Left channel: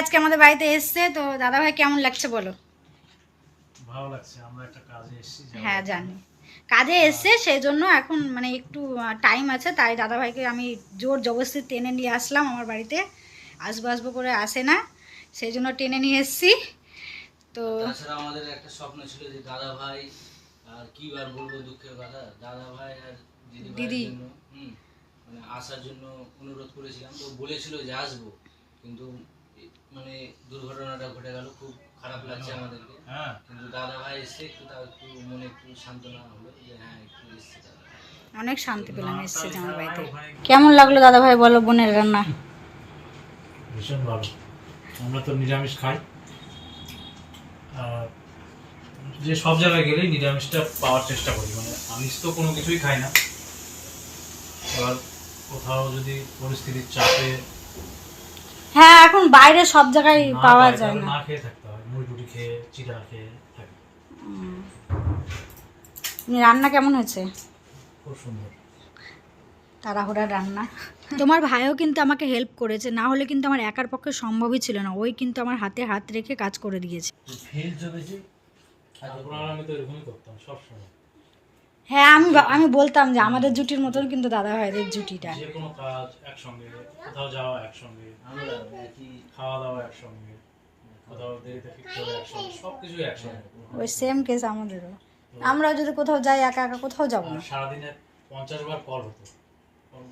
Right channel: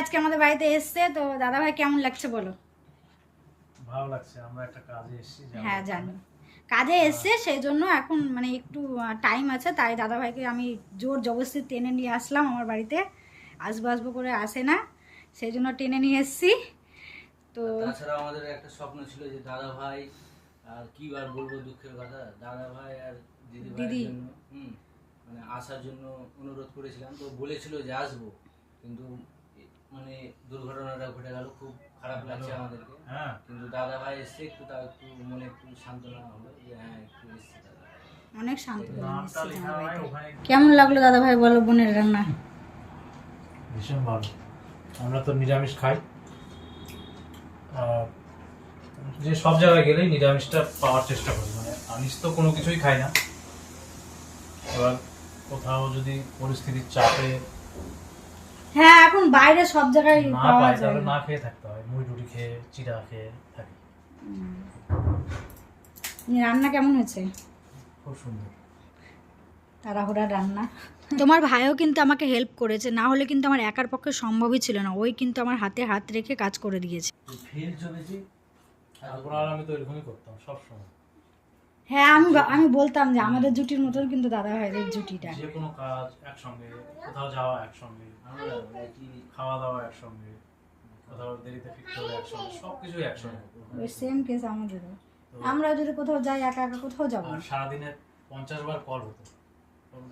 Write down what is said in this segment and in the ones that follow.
আজকে আমাদের বাড়িতে এসেছে, তো দাদা ভাই কেমন লাগছে বলো? ভালো লাগছে, আমরা একটা কাজে এসেছি। হ্যাঁ জানি, কাজে এসছে, সেই জন্য এখন মানে একটু টাইম আছে, তাই দাদা ভাইকে আমি জোর জবরদস্তি টেনে নিয়ে আসলাম আমার বাড়িতে। আসবো আসবো করে আসে না, সেই জন্য টেনে নিয়ে এসছি। তো তাছাড়া আমাদের একটা স্বপ্ন ছিল যে দাদা ভাই, আর কি আর বলবো দুঃখের কথা, দাদা ভাই আর দিদি জন্য মানে আসার জন্য অনুরোধ করেছিলাম, তো বলেছিল যে আসবো, কিন্তু মানে দুর্ঘটনাটা ঘটে গেল, খুব খারাপ লাগছে আমাদেরকে। হ্যাঁ, কিন্তু দাদা ভাই এসে একটু তাও একটু মনে একটু সান্ত্বনা হলো যে হ্যাঁ একটু এসছে দাদা। অনেক শান্তি পেলাম এসছে আমার বাড়িতে। কেমন লাগলো দাদা ভাই বলো বোনের রান্না? ভীষণ ভালো। আমরা তো নিরামিষ খাই, আর যে সব জায়গায় গেলেই নিরামিষটা পাওয়ার চেষ্টা করি, মানে আমিষ তো কোনো কিছুই খাই না। এবার কোথাও যদি পরিস্থিতির চাপে হ্যাঁ, এখন বাইরে সব জায়গায় পাওয়া যায় না, না খেয়ে থাকতে হয়, মুড়ি টুড়ি খেয়ে চিড়া খেয়ে থাকি। রান্না কেমন হয়েছে? খুব সুন্দর, তাড়াহুড়ার রান্না। তোমার ভাইও কিন্তু আমাকে হেল্প করেছে, না হলে কিন্তু আমার একার পক্ষে সম্ভবই ছিল না। ওই কিন্তু আমার হাতে হাত রেখে কাজ করে দিয়েছে। ভিড় যদি তারপর আমি তো এরকমই করতাম সবসময়। হ্যাঁ, আমি বলতাম যে আমাদের জুটির মতন কিন্তু দাদা ভাইদের জুটিটা। যে কোনো কাজ একসঙ্গে, কোথাও যাওয়া একসঙ্গে, আমরা কি খাওয়া দাওয়া একসঙ্গে, কোথাও দেরিতে ফিরতে হবে একসঙ্গে, সবকিছুই একসঙ্গে। ওই সেম কেস আমাদেরও। আমরা যদি কোথাও যাই একা একা কোথাও যাবো না। সারাদিনে 50 বার কল হতো,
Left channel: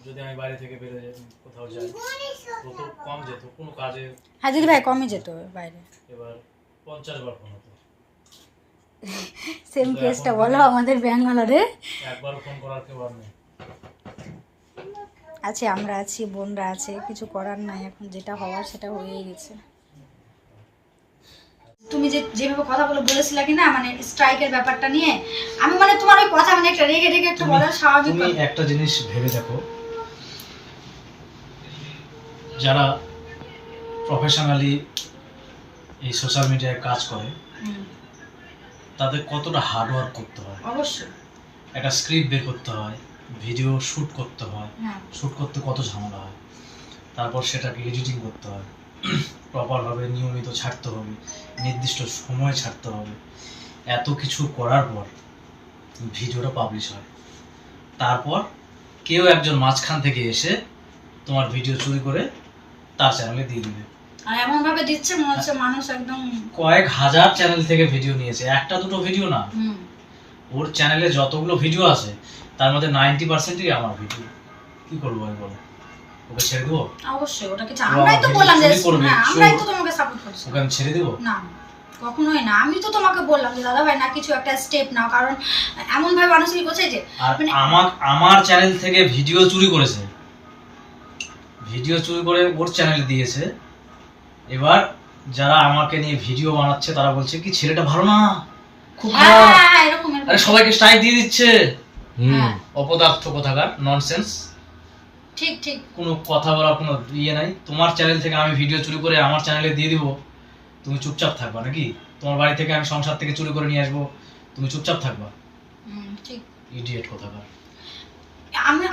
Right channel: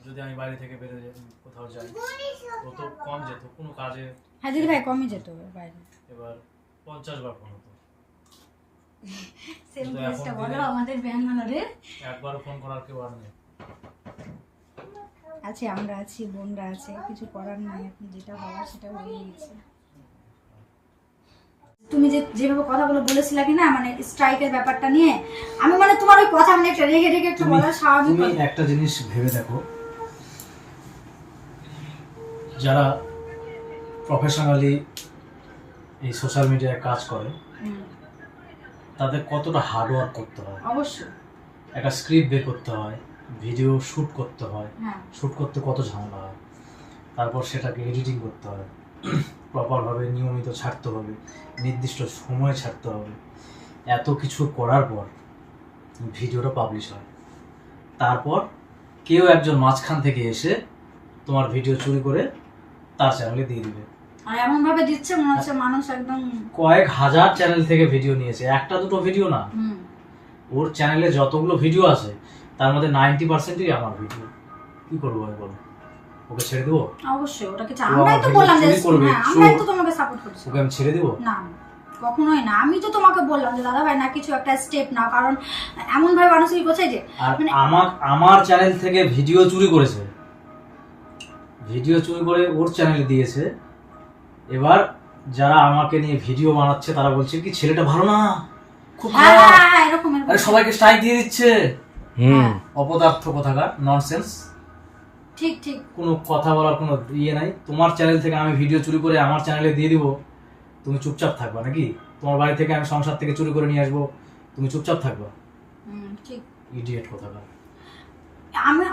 যদি আমি বাড়ি থেকে বেরোয় কোথাও যাই, ও তো কম যেত কোনো কাজে। হ্যাঁ দিদি ভাই কমই যেত বাইরে। এবার 50 বার ফোন হতো। সেম কেসটা বলো আমাদের ব্যাঙ্গালোরে। একবারও ফোন করার কেউ আর নেই। আছে, আমরা আছি, বোনরা আছে, কিছু করার নাই, এখন যেটা হওয়ার সেটা হয়েই গেছে। তুমি যেভাবে কথাগুলো বলেছিলে কি না, মানে স্ট্রাইকের ব্যাপারটা নিয়ে, আমি মানে তোমার ওই কথা মানে একটা রেগে রেগে একটা বলার স্বাভাবিক। তুমি একটা জিনিস ভেবে দেখো, যারা প্রফেশনালি এই সোশ্যাল মিডিয়ায় কাজ করে তাদের কতটা হার্ড ওয়ার্ক করতে হয়। অবশ্যই একটা স্ক্রিপ্ট বের করতে হয়, ভিডিও শ্যুট করতে হয়, হ্যাঁ। শ্যুট করতে কত ঝামেলা হয়, তারপর সেটাকে এডিটিং করতে হয়, প্রপারভাবে নিয়মিত ছাড়তে হবে, নির্দিষ্ট সময়ে ছাড়তে হবে। এত কিছু করার পর ভিডিওটা পাবলিশ হয়, তারপর কেউ একজন মাঝখান থেকে এসে তোমার ভিডিও চুরি করে তার চ্যানেলে দিয়ে দিবে। আর এমন ভাবে দিচ্ছে মনে হচ্ছে মানুষ একদম কয়েক হাজার চ্যানেল থেকে ভিডিও নিয়েছে, একটা দুটো ভিডিও না। ওর চ্যানেলে যতগুলো ভিডিও আছে তার মধ্যে 90%ই আমার ভিডিও। কি করবো আমি বলো? ওকে ছেড়ে দেবো? অবশ্যই, ওটা কিছু আমরাই তো বললাম যে হ্যাঁ আমরাই তো তোমাকে সাপোর্ট করছি। ওকে আমি ছেড়ে দেবো? না কখনোই না। আমি তো তোমাকে বললাম যে দাদা ভাই না কিছু একটা স্টেপ নাও, কারণ এমন ভাবে মানুষ কি করছে যে আমার চ্যানেল থেকে ভিডিও চুরি করেছে, ভিডিও চুরি করে ওর চ্যানেলে দিয়েছে। এবার যারা আমাকে নিয়ে ভিডিও বানাচ্ছে তারা বলছে কি ছেলেটা ভালো না, খুব খারাপ, এরকম আরে সবাইকে স্ট্রাইক দিয়ে দিচ্ছে। অপদার্থ কোথাকার, ননসেন্স। ঠিক ঠিক, কোনো কথা বলার কোনো ইয়ে নাই। তোমার চ্যানেল থেকে আমি ভিডিও চুরি করে আমার চ্যানেলে দিয়ে দিব, তুমি চুপচাপ থাকবা নাকি? তোমার বাড়ি থেকে আমি সংসার থেকে চুরি করে নিয়ে আসবো, তুমি চুপচাপ থাকবা? ঠিক, ইডিয়েট কোথাকার।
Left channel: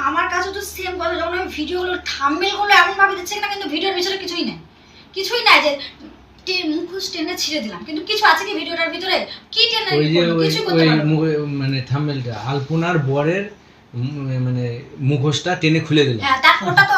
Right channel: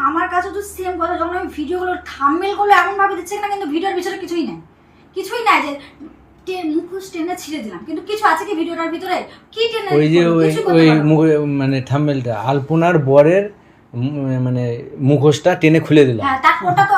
আমার কাছে তো সেম কথা, যখন আমি ভিডিওগুলো থাম্বনেলগুলো এমন ভাবে দিচ্ছে না, কিন্তু ভিডিওর ভিতরে কিছুই নাই যে মুখোশ টেনে ছিঁড়ে দিলাম, কিন্তু কিছু আছে কি ভিডিওটার ভিতরে? কি টেনে কিছু করতে পারবো মানে থাম্বনেলটা আলপনার বরের মানে মুখোশটা টেনে খুলে দিলাম। হ্যাঁ, তারপরটা তো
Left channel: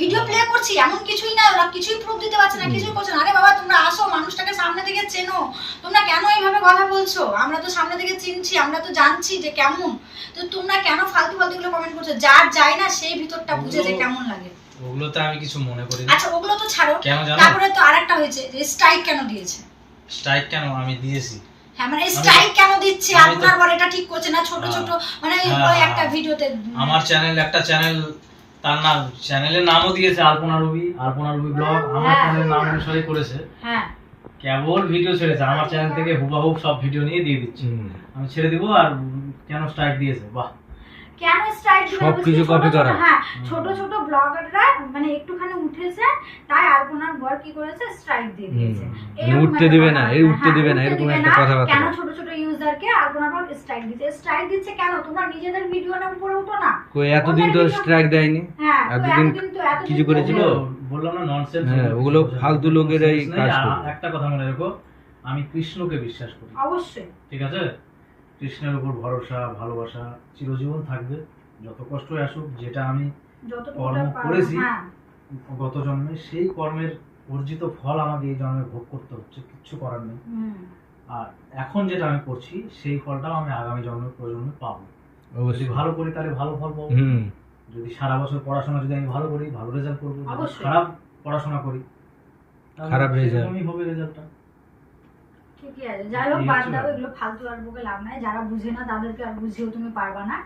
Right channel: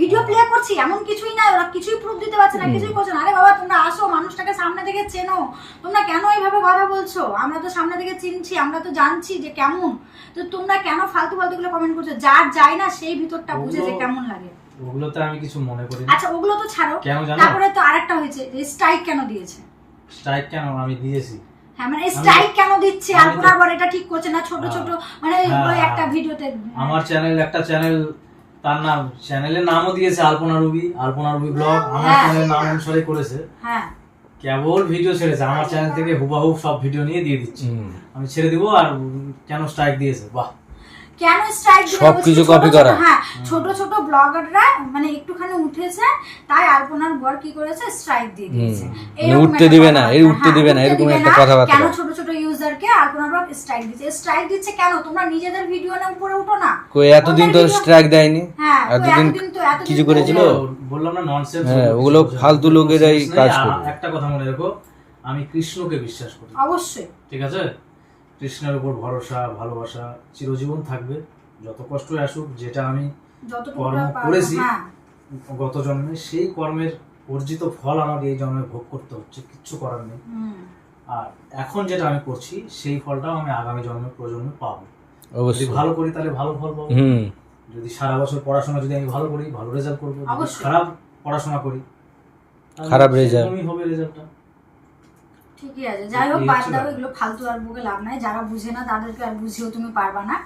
ভিডিও প্লে করছি, এমন কিছুই না, ওরা কিছুই প্রুফ দিতে পারছে না, কিছুই করছে না। আরে বাবা তোমরা আসো, মানুষটাকে সামনে থেকে চেনো, তোমরা কেন এইভাবে কথা বলছো? আমরা তো সামনে থেকে চিনছি, আমরা তো জানছি যে কেমন, তো তোমরা কেন ফালতু গুলো কমেন্ট করছো? যার যায় না সেই ভিতরটা বুঝে যে কেমন লাগে। ওগুলোতে আমি কিছু মনে করি না। আচ্ছা ওগুলো তো ছাড়ো, কেন জানো? তারপরে তো আরেকটা হয়েছে যে স্ট্রাইক কেন দিয়েছে। স্ট্রাইক কেন আমি দিয়েছি? হ্যাঁ মানে স্ট্রাইক কেন দিচ্ছে? আপনার পর এটা ঠিক করছে না, ছোট ছোট মানে ওই একটা ভিডিওতে আমার চ্যানেল, একটা চ্যানেল, তার নাম, চ্যানেলের নামও দিয়েছে আলপনা রুবি ব্লগ, আমার চ্যানেলের নাম অনুসারে করেছে। হ্যাঁ, কেবল ভিডিও ছেড়েছে, আমার চ্যানেল থেকে হুবাহুব সব ভিডিও নিয়ে দিয়ে দিচ্ছে। আমি ছেড়ে দিব, আর কেন স্ট্রাইক দিয়েছে? বাহ, কেন স্ট্রাইক দিয়েছে? সবকিছু কপি করা। হ্যাঁ, ছোট ছোট ব্লগাররা মানে একটুখানি উঠেছে, তাই আলপনার বর কি করেছে? স্ট্রাইক দিয়ে দিয়েছে। উঠতে দিবে না, এই উঠতে দিবে না, এরকম একটা কথাবার্তা। কেন ছোট ছোট ইউজ ইউজারকে আলপনা ব্লগ স্ট্রাইক দিচ্ছে কেন? তোমরা নিজেদের ভিডিও নিয়ে উপরে উঠো না। কই এতদিন তো স্ট্রাইক দেয়নি। হ্যাঁ, এতদিন কিছু করেছিল? বললাম না ননসেন্স। হ্যাঁ, ওগুলো ফালতু লোকেরাই কাজ করে। একটা কথা মনে রেখো, আমি কৃষ্ণকে বিশ্বাস করি। অবশ্যই, ঠিক আছে? কৃষ্ণের উপর ভরসা, ভালোবাসা চিরজীবন থাকবে, যত কষ্টই আসুক। যেটা আমি কর্ম করেছি গত জন্মে, সেই কর্মের অর্জিত ফল আমাকে এই জন্মে ভোগ করতে হচ্ছে, কিচ্ছু করার নেই। আর এখন যেটা আমি করছি সেই ফলটাও আমি আগামী প্রজন্মে পাবো। যদি ভালো করি তাহলে ভালো ফল পাবো। যদি সারা বছর পড়াশোনা যদি আমি ভালো করি, ভালো রেজাল্ট করবো। যদি খারাপ পড়াশোনা করি, খারাপ রেজাল্ট হবে রেজাল্টটা। ঠিকই আছে, যাই হোক, বাদ দাও এগুলো, ফালতু আর বকে লাভ নাই। যারা বুঝে না তাদেরকে আর বুঝিয়েও তুমি পারবা না।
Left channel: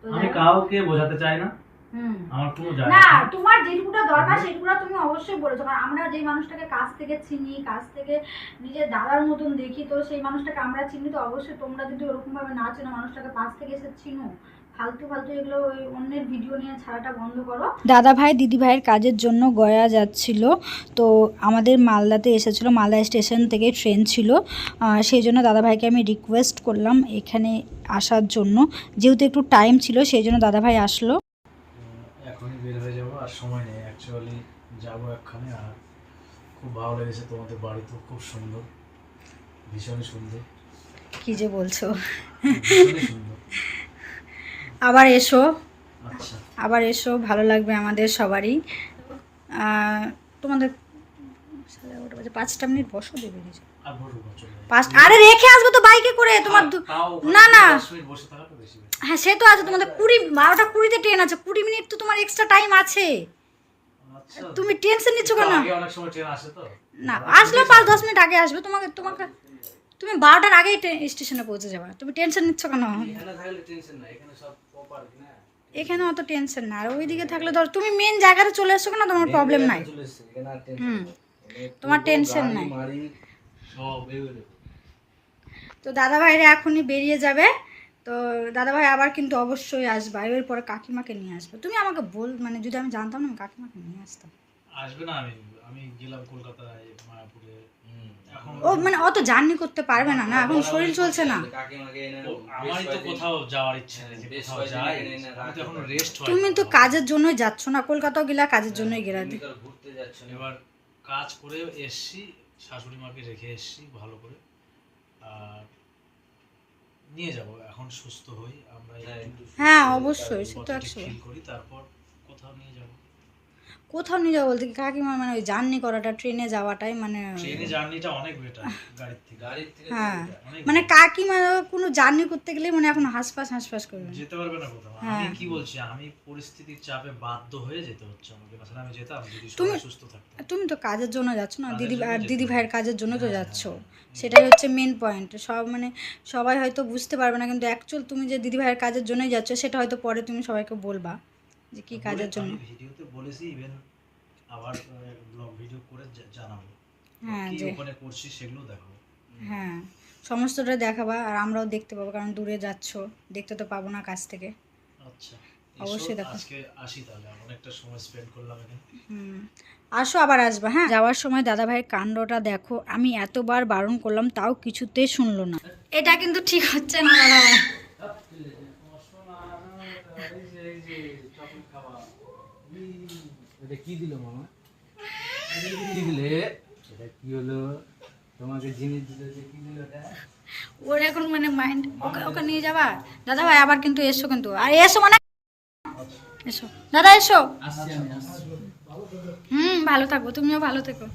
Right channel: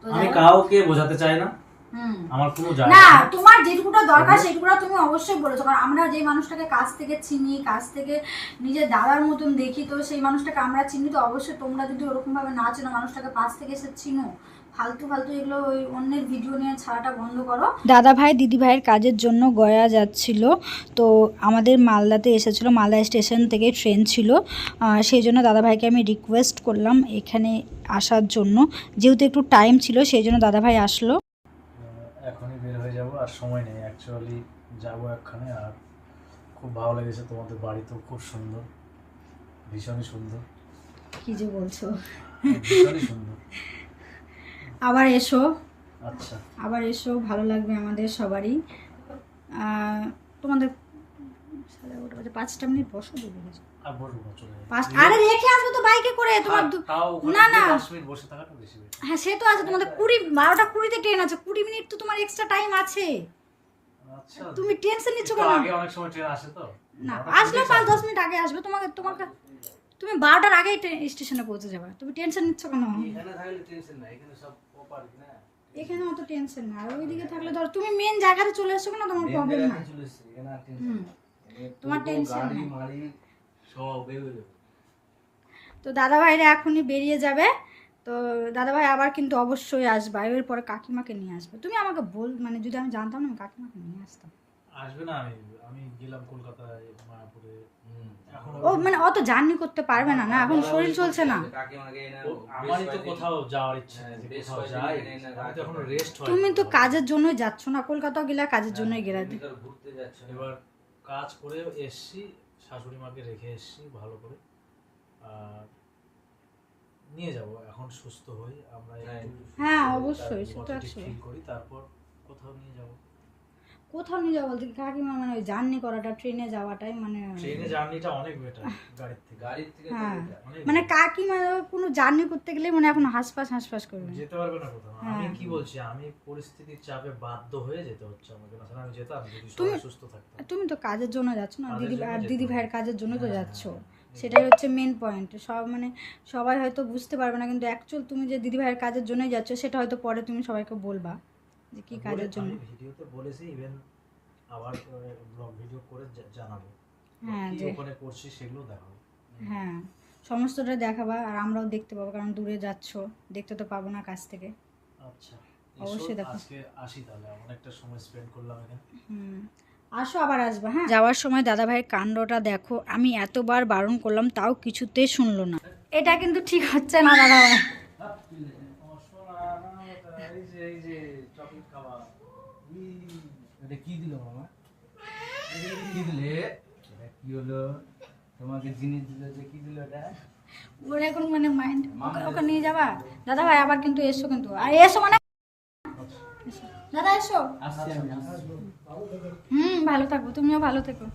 তো আমি কাউকে বোঝাতে চাই না, আমার কোনো যায় না। তোমার যেটুকুটা দরকার সেটুকুটা তুমি অবশ্যই বলেছো, কারণ আমরা যে মানুষটাকে কাছ থেকে চিনি, কাছ থেকে নিজের দাদার মতন দেখি, তো সেই মানুষটাকে আমরা চিনি। তো অবশ্যই তোমরা যদি ওরকম ভাবে না চেনো, মানুষটাকে পাশ থেকে এসে চিনো, ফালতু এগুলো ওই অন্যের ভিডিও নিয়ে ছাড়াটা বন্ধ করো। দাদা ভাই দিদি ভাইয়ের কাজের জন্য গয়া যাচ্ছিল, তো আমাদের মালদাতে এসেছিল, মালদা স্টেশন থেকে ট্রেন ছিল, সেই জন্য দাদা ভাইকে আমি রিকোয়েস্ট করলাম এখানে আসার জন্য, যেহেতু একটু টাইম ছিল সেই জন্য দাদা ভাই আসলো। এখনই বের হয়ে যাবো, আর সময় নেই। অ্যাকচুয়ালি যাবো একখানে, আর খুব ভালো লেগেছে। তোমাদের বাড়ি তো খুব সুন্দর, ভীষণই সুন্দর। কি যে বলছো, ভীষণই সুন্দর। আবার এসো। আচ্ছা, আবার এসো, ভালো লাগবে আমাদের সবারই। তোমাদের 5টা মিনিট বসো, দেবে আর বলবো চলে। আরে রেখে আসবো তো বাইকে করে তোমার। না না, হ্যাঁ সে তো আছে, তোমাদের 12টা 20-তে ট্রেন আছে, 20 মিনিট তো তোমার এক্সট্রা টাইম আছে। তুমি টেনশন নিচ্ছ কেন? অনেক সময় ট্রেন আসে তো। না, আসলে 5-10 মিনিট আগে আসবে। তুমি 12টার আগেই স্টেশনে পৌঁছে যাবে। তুমি টেনশন নিচ্ছ কেন? এখানে অত টেনশন না, আর ওইদিকে থাকলে ধর তুমি মেন জায়গাতে চলে এসছো না, তোমার প্রবলেম নাই। তোমার টেনশন নাই। তো দাদা ভাইরা এখনই বেরিয়ে যাবে, তো দাদা ভাই আবার কিন্তু অবশ্যই আসবে। এর পরে কাকিমাকে নিয়ে আসবে। তুমি আমাকে মানে যদি আমি জানতাম না, আমি কাকিমাকে নিয়ে আসতাম। আসবে না, আমি গেলাম কলকাতায়, মায়াপুরে। ও মানে অত জার্নি করতে পারবে না, না এখন শরীর চলছে না। আমারই তো কোথাও যাওয়ার ইচ্ছে নেই, যে কোথাও যাই। আমি তো এখনো রেস্ট হয়। তুমি তো কাজের জন্যই যাচ্ছ না, কলকাতাও গেলা কাজের জন্যই গেলা। এবার কাজ করে এসছি, শাশুড়ি মাকে রেখে এসছি ভালো করে, আর নিয়ে যাব এখন সুস্থ হই আমরা। হ্যাঁ অবশ্যই, সে তো 100 ফিল করি, তারপর কোথাও নিয়ে যাব। কোথাও নিয়ে যাবো বলতে কাকিমা মানে ওই জার্নি করাটা, ট্রেনে যাওয়াটাই মানে ট্রেনে জার্নিটা অনেক বেটার গাড়ির থেকে। হ্যাঁ মানে কাকিমা কোনো জার্নি করতে গেলে মানে এখন হাসপাস করবে, যেতে পারবে না কোথাও। আমি কি বলছি, আমি পরিস্থিতির চাপে বাধ্য হয়ে যেতে হচ্ছে আমাকে। না আমি যেতাম যদি সবাই সুস্থ থাকতো। তুমি তো কাজের জন্য যাচ্ছ না, দিদি ভাইয়ের কাজের জন্য তো যাচ্ছ, সেটাই হচ্ছে মেন পয়েন্ট। মানে সবাই হয়তো বুঝতে পারবে না, কিন্তু অ্যাকচুয়াল তুমি যে দিদি ভাইয়ের কাজের জন্যই যাচ্ছ, সেটা হয়তো পরে তুমি সবাইকে বলবা যে কি কাজের জন্য। ভিডিওতে বলেছি, ইভেন আবার ব্লগ ভিডিও করে জানাবো। হ্যাঁ, কি যে ওখানে করছি সেগুলো দেখাবো। হ্যাঁ সমস্তটা দেখাবা, আর আমরাও দেখতে পাবো, কারণ দূরে যাচ্ছ, দেখতে তো পাবো না কাছ থেকে। আচ্ছা, অবশ্যই দেখো। আজকে আসি তাহলে, অনেকটা সময় স্পেন্ড করলাম এখানে। আসো, আবার আসবা। হ্যাঁ, যাওয়ার সময় দাদা ভাইয়ের কাণ্ডটা দেখো, আমি এতবার বারণ করলাম তাও কিছুতেই শুনলো না। এটা কিন্তু ঠিক হচ্ছে না দাদা ভাই। কি দিল মামা? কি দিলে? এটা কি হলো? তোমাকে জিনিস দিল, যে কি দিল এটা? ওর এখন মানে মাইন্ড, ওকে নিয়ে যাবা। দাদা ভাই আবার কিন্তু এসো, কিন্তু আর এসো মানে এসো দাদা, এসো। আসছি আমি, আসছি। ভালো থাকবো, তুমিও ভালো থেকো।